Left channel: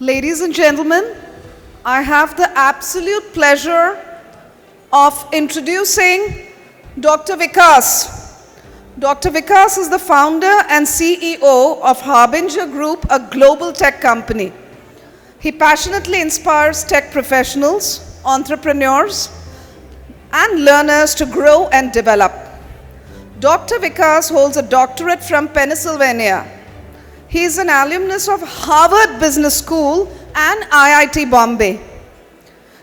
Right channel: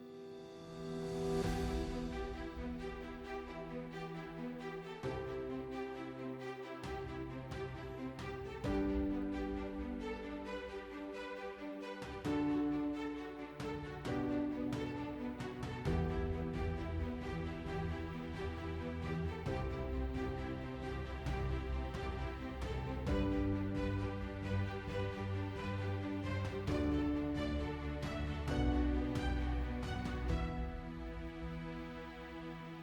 Ladies and gentlemen, I have the absolute pleasure of introducing Dr. Vikas. Dr. Vikas is the founder and CEO of Harbinger Group, a global tech company. He passionately inspires tech professionals, entrepreneurs, and learners to grow and develop. Dr. Vikas holds a doctorate from Pennsylvania. He is an alumnus of Harvard Business School and IIT Bombay.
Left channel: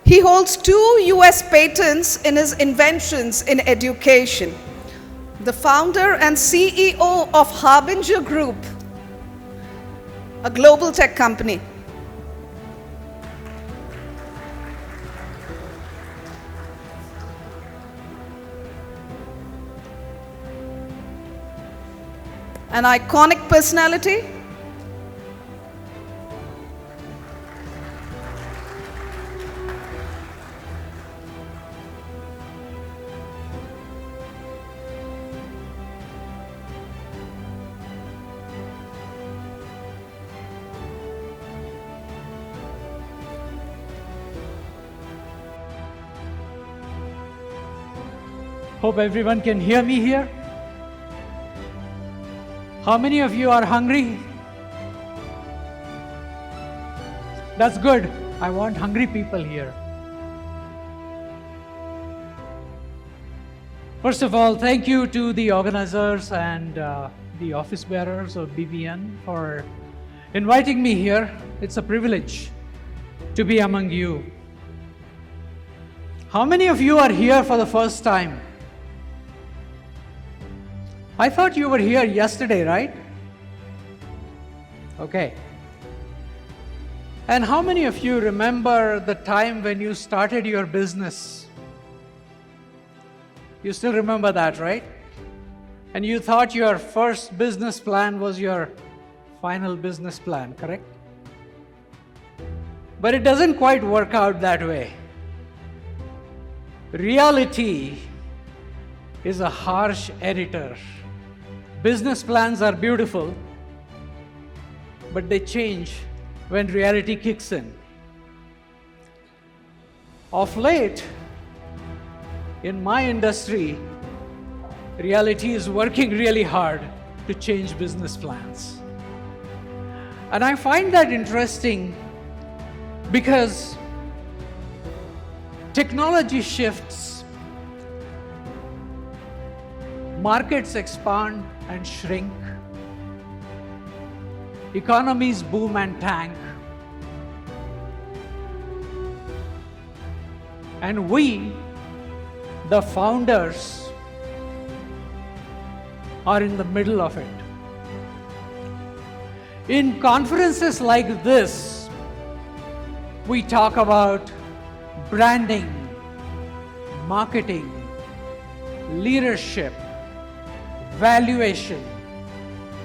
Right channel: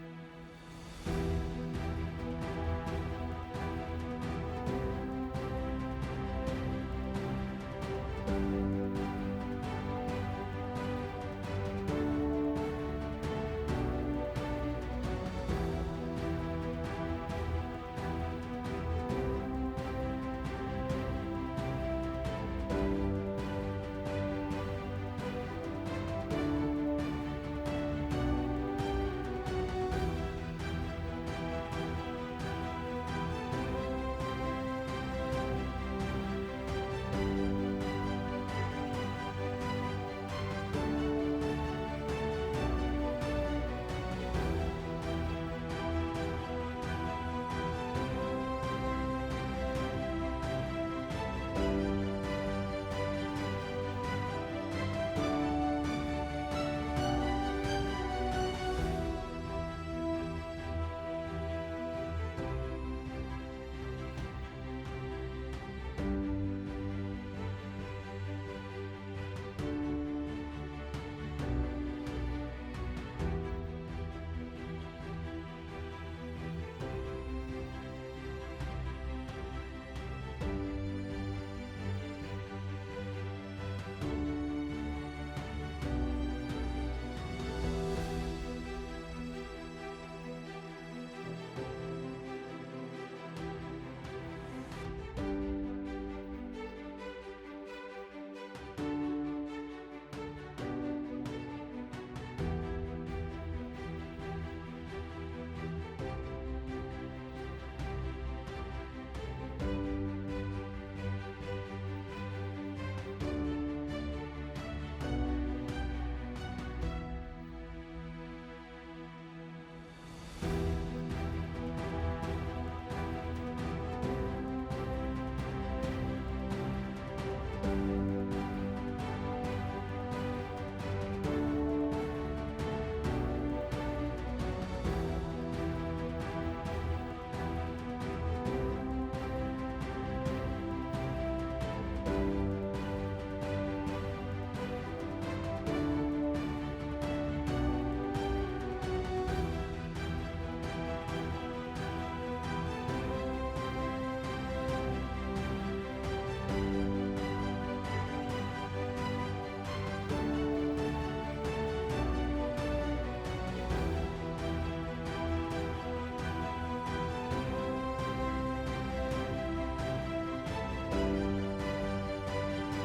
He holds 2 US patents in his inventions in education. The founder and CEO of Harbinger Group, a global tech company. An iconic personality. Hope everyone can hear me here. How many of you are hungry? That's good. I want hungry people here. First of all, thank you to the organizers and the office bearers of BBN for inviting me here. It's a privilege to be among you. How many of you are here for the first time? I thought you were here yesterday, right? Okay. And how many of you remember the time when you started your business? You still remember that, right? And you thought your first business plan was your final business plan, correct? But it doesn't quite work out that way. Reality is a harsh editor. Business plans are beautiful, but they change when reality kicks in. Of late, in my industry, reality is working really hard to change business plans. And I find that interesting because technology shifts, markets expand and shrink, economies boom and tank, and we, the founders, are in the middle of it. In conferences like this, we talk about branding, marketing, leadership, valuation,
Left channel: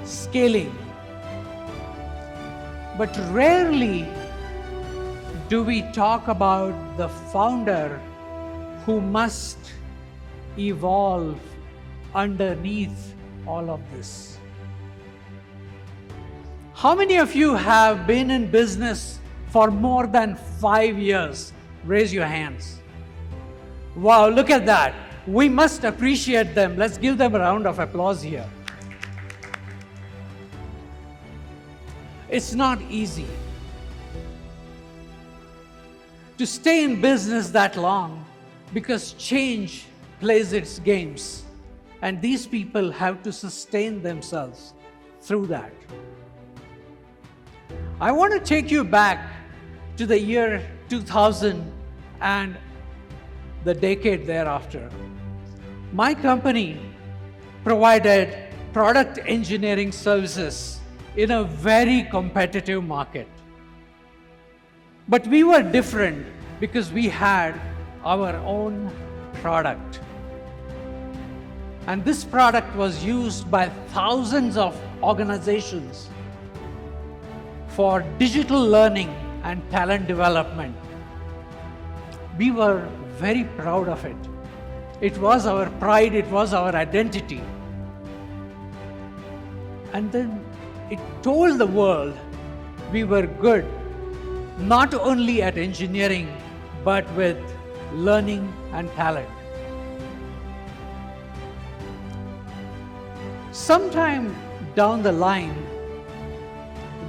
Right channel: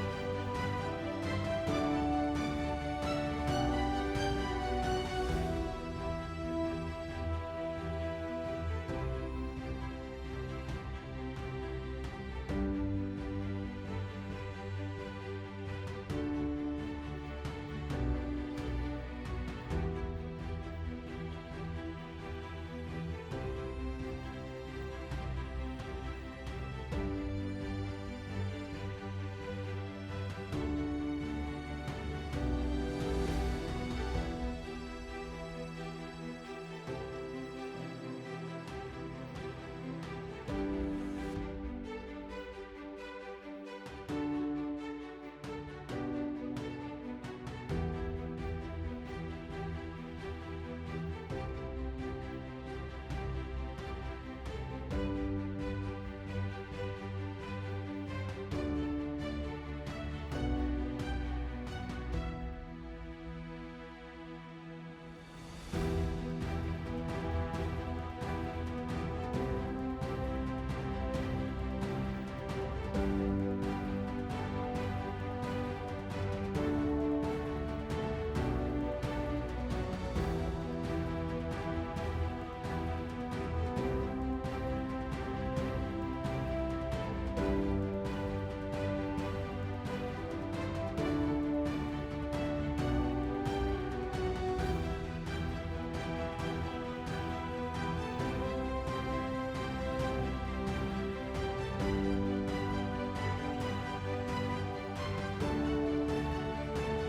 scaling. But rarely do we talk about the founder who must evolve underneath all of this. How many of you have been in business for more than 5 years? Raise your hands. Wow, look at that. We must appreciate them. Let's give them a round of applause here. It's not easy to stay in business that long because change plays its games, and these people have to sustain themselves through that. I want to take you back to the year 2000 and the decade thereafter. My company provided product engineering services in a very competitive market. But we were different because we had our own product. And this product was used by thousands of organizations for digital learning and talent development. We were very proud of it. It was our pride, it was our identity. And then it told the world we were good not only at engineering, but with learning and talent. Sometime down the line,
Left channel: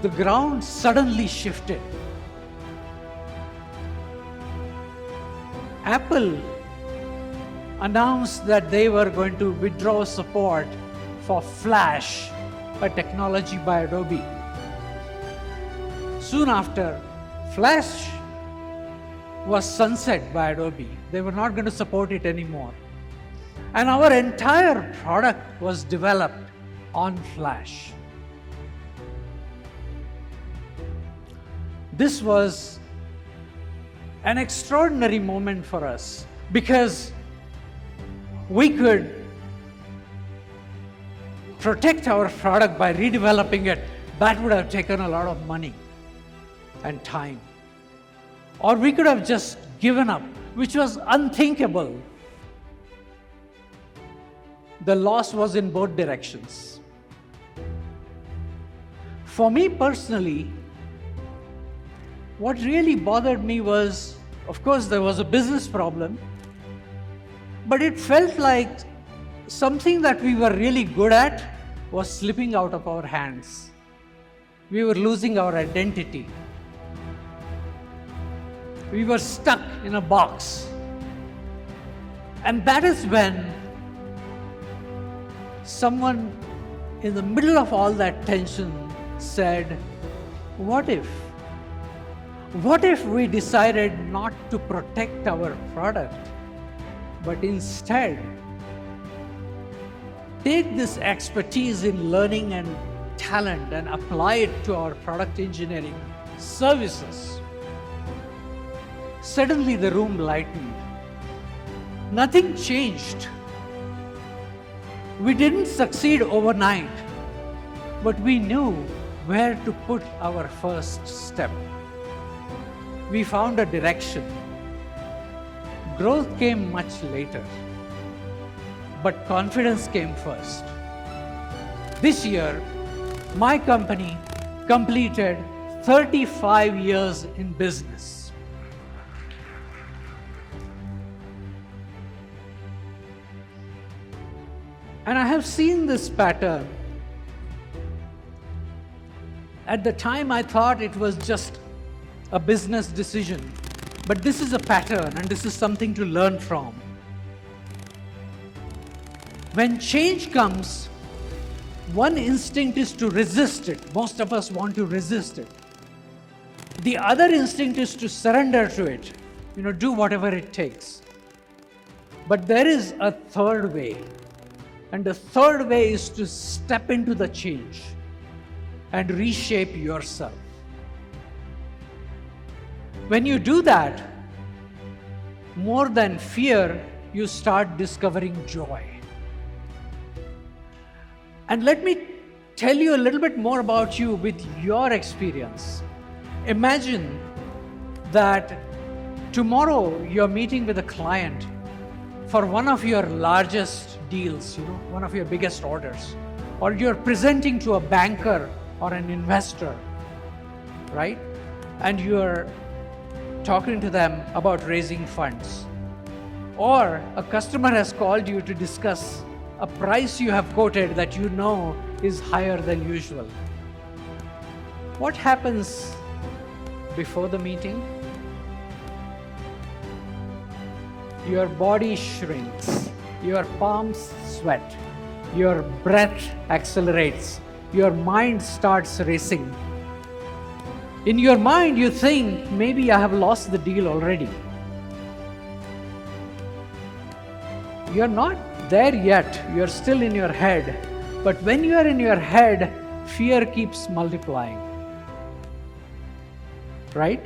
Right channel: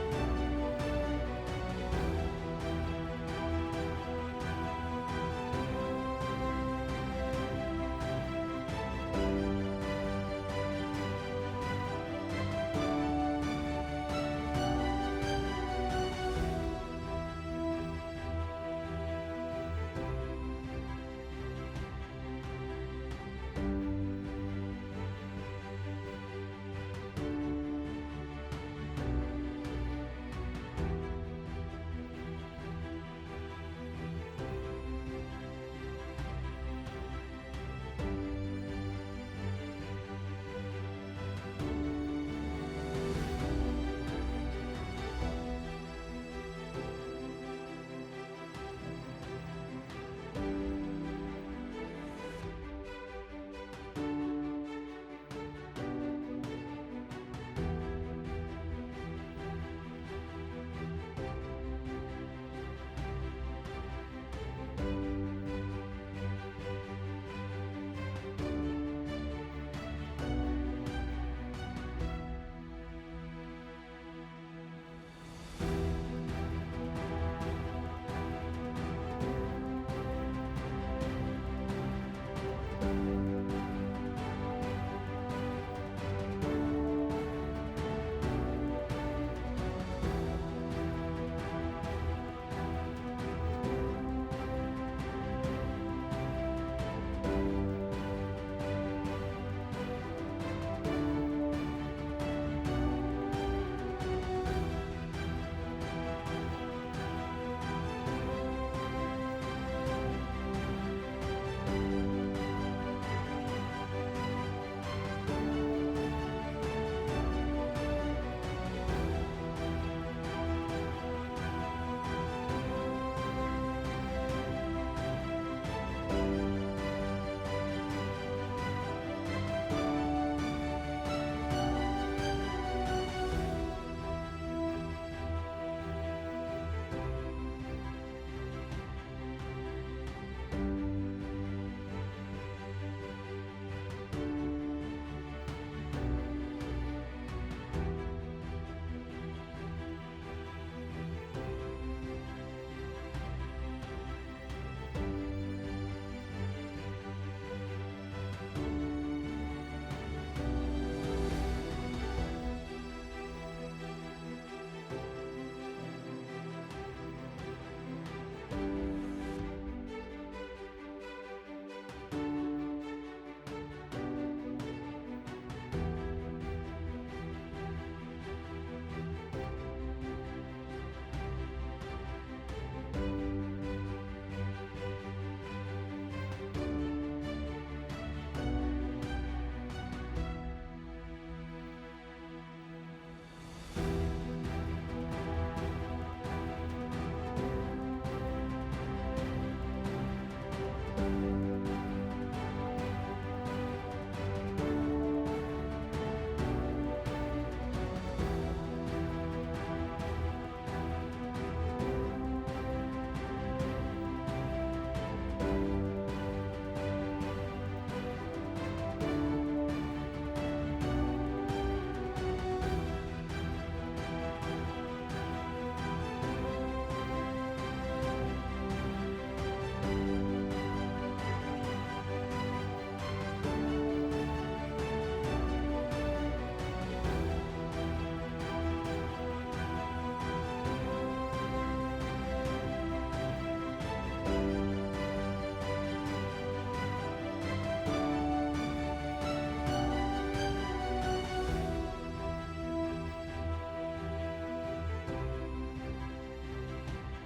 the ground suddenly shifted. Apple announced that they were going to withdraw support for Flash, a technology by Adobe. Soon after, Flash was sunset by Adobe. They were not going to support it anymore. And our entire product was developed on Flash. This was an extraordinary moment for us because we could protect our product by redeveloping it. That would have taken a lot of money and time. Or we could have just given up, which was unthinkable. The loss was in both directions. For me personally, what really bothered me was, of course, there was a business problem, but it felt like something that we were really good at was slipping out of our hands. We were losing our identity. We were stuck in a box. And that is when someone in the middle of all that tension said, what if? What if we decided not to protect our product, but instead take this expertise in learning and talent and apply it to our product engineering services? Suddenly the room lightened. Nothing changed. We didn't succeed overnight, but we knew where to put our first step. We found a direction. Growth came much later, but confidence came first. This year, my company completed 35 years in business. And I have seen this pattern. At the time, I thought it was just a business decision. But this is a pattern, and this is something to learn from. When change comes, one instinct is to resist it. Most of us want to resist it. The other instinct is to surrender to it, do whatever it takes. But there is a third way. And the third way is to step into the change and reshape yourself. When you do that, more than fear, you start discovering joy. And let me tell you a little bit more about you with your experience. Imagine that tomorrow you're meeting with a client for one of your largest deals, one of your biggest orders, or you're presenting to a banker or an investor, right? And you're talking to them about raising funds. Or a customer has called you to discuss a price you have quoted that you know is higher than usual. What happens before the meeting? Your body shrinks, your palms sweat, your breath accelerates, your mind starts racing. In your mind, you think, maybe I have lost the deal already. You're not there yet, you're still in your head. But when you are in your head, fear keeps multiplying. Right?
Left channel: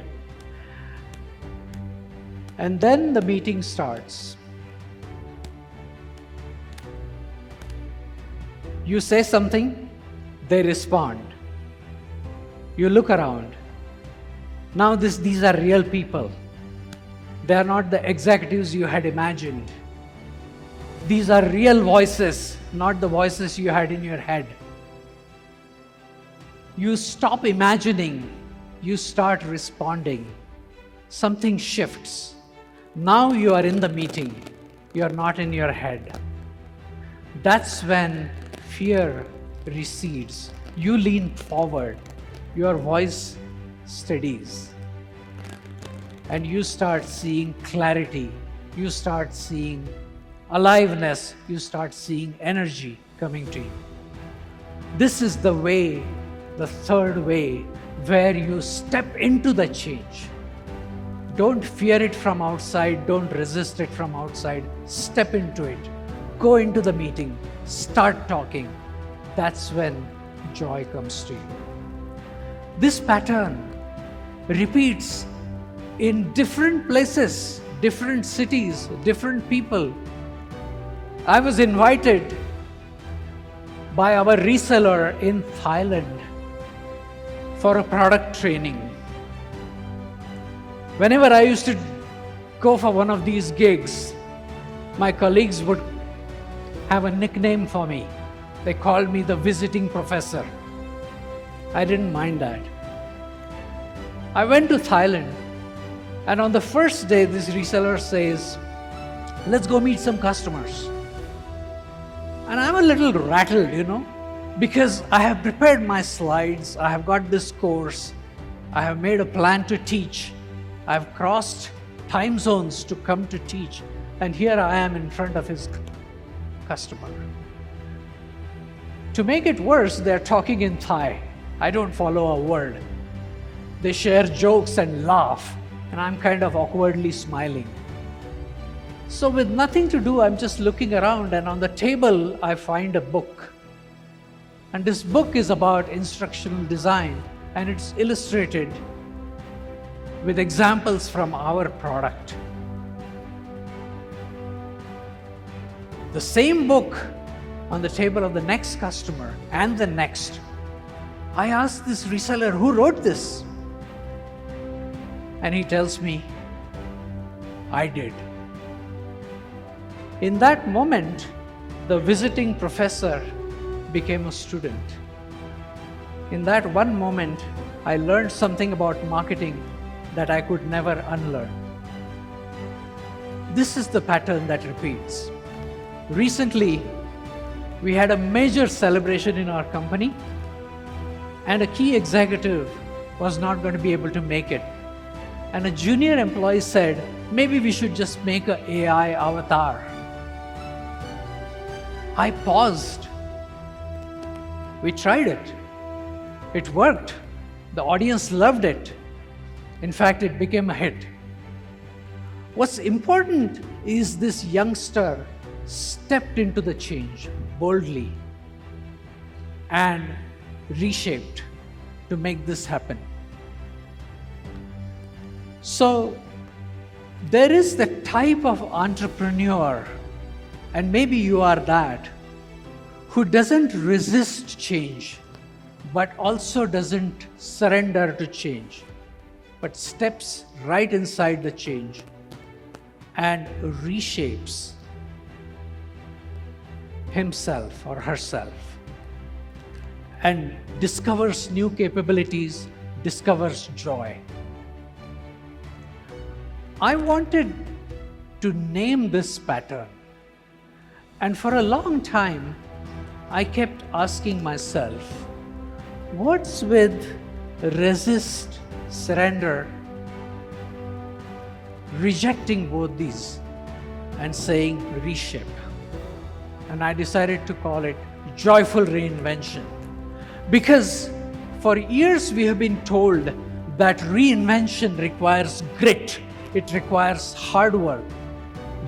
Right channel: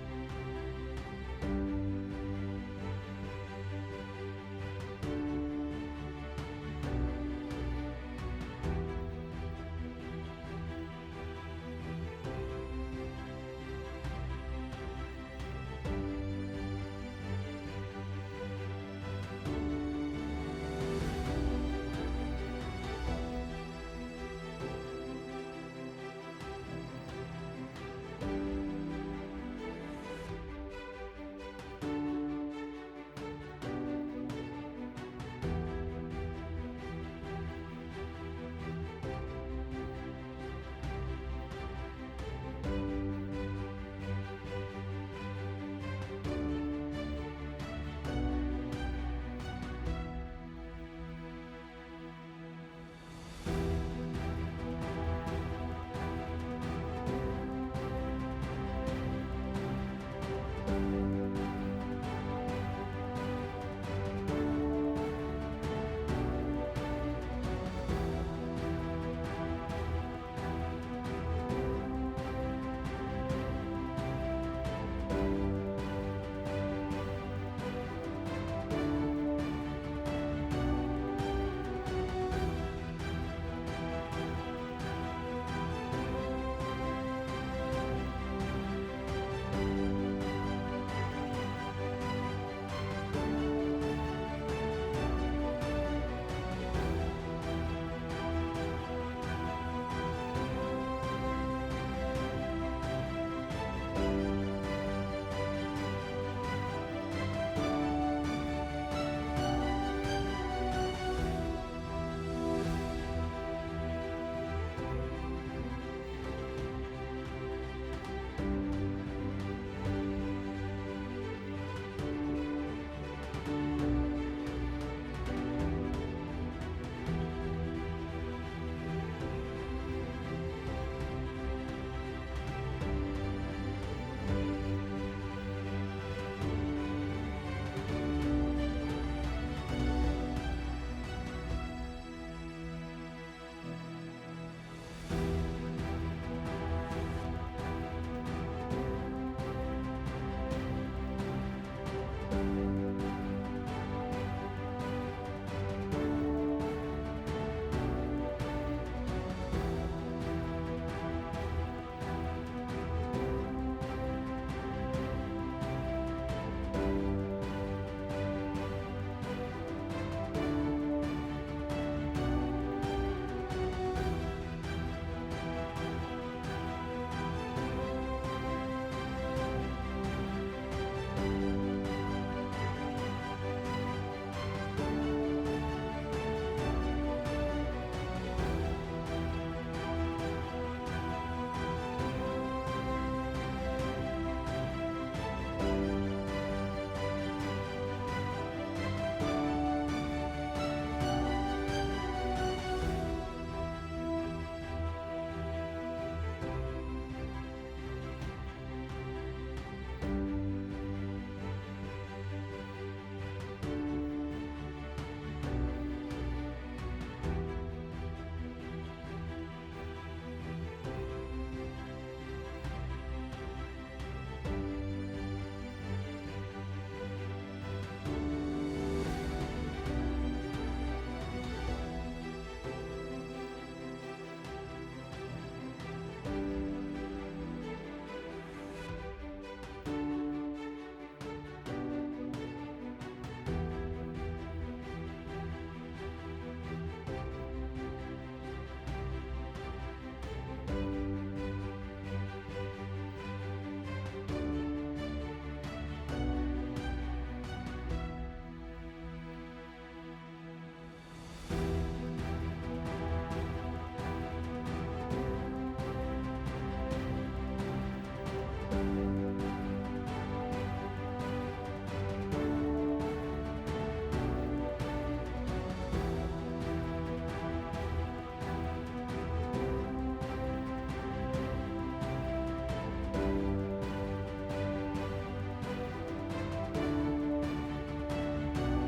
And then the meeting starts. You say something, they respond. You look around. Now these are real people. They are not the executives you had imagined. These are real voices, not the voices you had in your head. You stop imagining. you start responding, something shifts. Now you are in the meeting, you are not in your head. That's when fear recedes. You lean forward, your voice steadies, and you start seeing clarity, you start seeing aliveness, you start seeing energy coming to you. This is the way, the third way, where you step into the change. Don't fear it from outside, don't resist it from outside. Step into it. Go into the meeting, start talking. That's when joy comes to you. This pattern repeats in different places, different cities, different people. I was invited by our reseller in Thailand for a product training. Whenever I used to go for one of these gigs, my colleagues would have a nickname for me. They called me the visiting professor. I didn't mind that. I went to Thailand, and on the first day, this reseller says, let's go meet some customers. And I'm a little rattled, because I have prepared my slides, I have got this course, I have made a plan to teach, I've crossed time zones to come to teach, and here I am in front of his customer. To make it worse, they're talking in Thai. I don't follow a word. They share jokes and laugh, and I'm kind of awkwardly smiling. So with nothing to do, I'm just looking around, and on the table, I find a book. And this book is about instructional design, and it's illustrated with examples from our product. The same book on the table of the next customer and the next. I asked this reseller, who wrote this? And he tells me, I did. In that moment, the visiting professor became a student. In that one moment, I learned something about marketing that I could never unlearn. This is the pattern that repeats. Recently, we had a major celebration in our company, and a key executive was not going to be able to make it. And a junior employee said, maybe we should just make an AI avatar. I paused. We tried it. It worked. The audience loved it. In fact, it became a hit. What's important is this youngster stepped into the change boldly and reshaped to make this happen. So, there is the type of entrepreneur, and maybe you are that, who doesn't resist change, but also doesn't surrender to change, but steps right inside the change and reshapes himself or herself and discovers new capabilities, discovers joy. I wanted to name this pattern, and for a long time, I kept asking myself, what's with resist, surrender, rejecting both these, and saying reshape? And I decided to call it joyful reinvention. Because for years we have been told that reinvention requires grit, it requires hard work.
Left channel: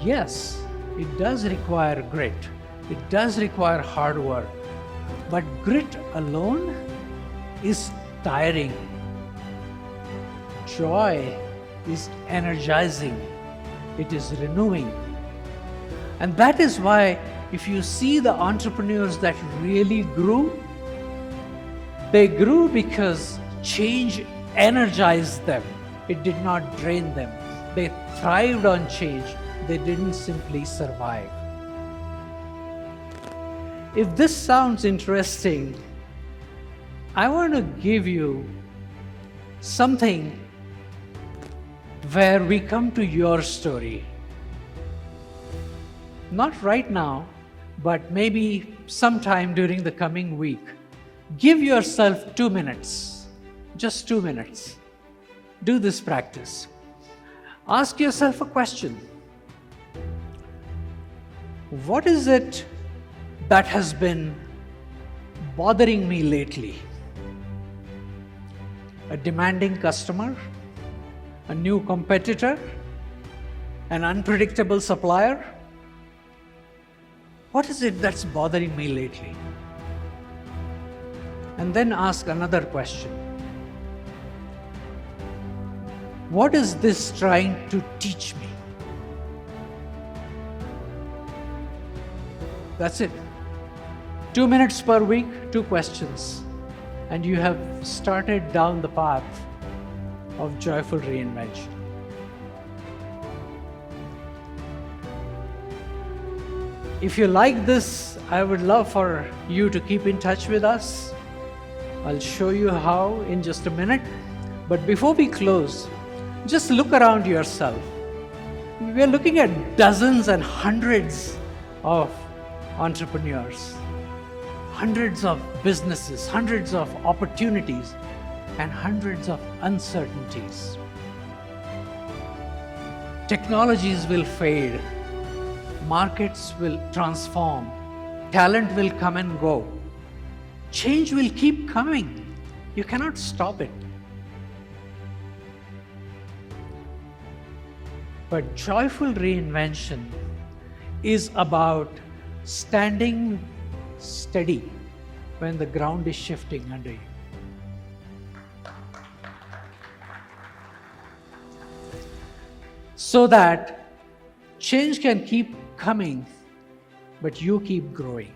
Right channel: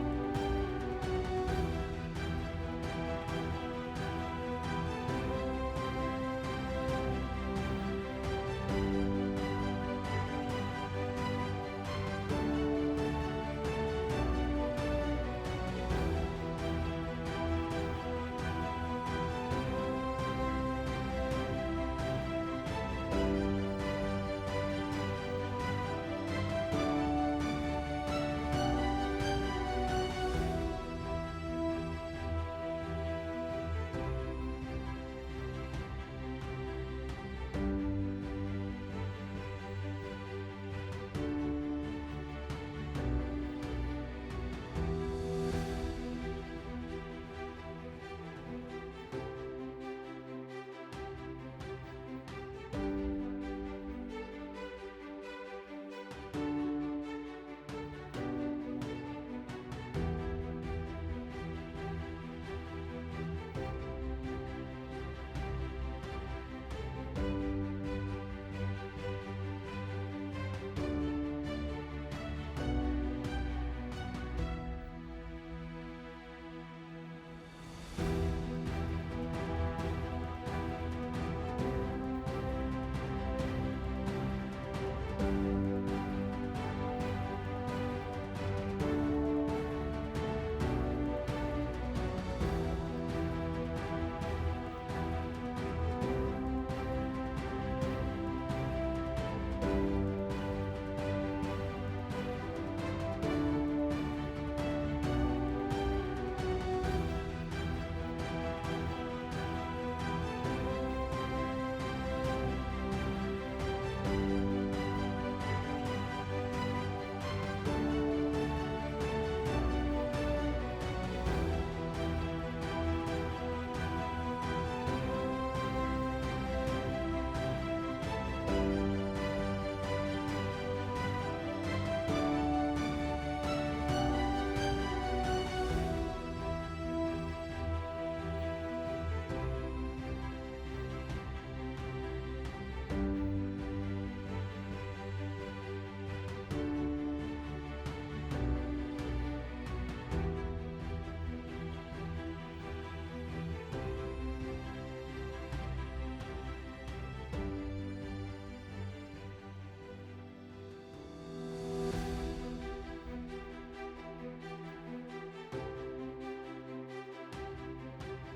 Yes, it does require grit, it does require hard work, but grit alone is tiring. Joy is energizing, it is renewing. And that is why if you see the entrepreneurs that really grew, they grew because change energized them. It did not drain them. They thrived on change. They didn't simply survive. If this sounds interesting, I want to give you something where we come to your story. Not right now, but maybe sometime during the coming week. Give yourself 2 minutes, just 2 minutes. Do this practice. Ask yourself a question. What is it that has been bothering me lately? A demanding customer? A new competitor? An unpredictable supplier? What is it that's bothering me lately? And then ask another question. What is this trying to teach me? That's it. 2 minutes per week, 2 questions. And you have started down the path of joyful reinvention. If you like this, I would love for you to keep in touch with us. I'll show you how in just a minute. But before we close, just look around yourself. We are looking at dozens and hundreds of entrepreneurs, hundreds of businesses, hundreds of opportunities, and hundreds of uncertainties. Technologies will fade, markets will transform, talent will come and go. Change will keep coming. You cannot stop it. But joyful reinvention is about standing steady when the ground is shifting under you. So that change can keep coming, but you keep growing.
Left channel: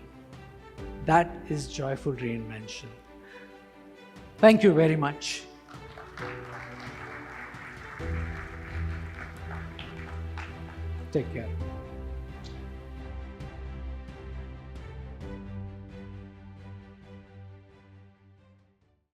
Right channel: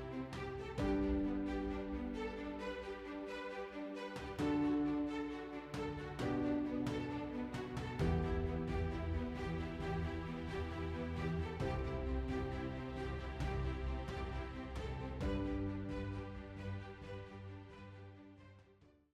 That is joyful reinvention. Thank you very much. Take care.